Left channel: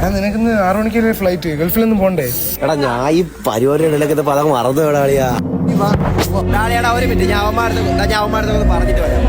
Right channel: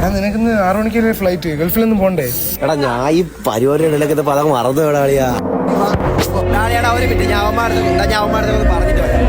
എടാ നിനക്കിന്ന് 6 മണിക്കല്ലേ ഫ്ലൈറ്റ്? ഗൾഫിലൊന്നും പോണ്ടേ? എടാ ഞാൻ ഈ പരിപാടിയുടെ പദം മറന്നു വേടാളിയാ. ഒരു മിനിറ്റ്, ഞാൻ അവന്മാരത്തെ പറഞ്ഞിട്ട് വരാം.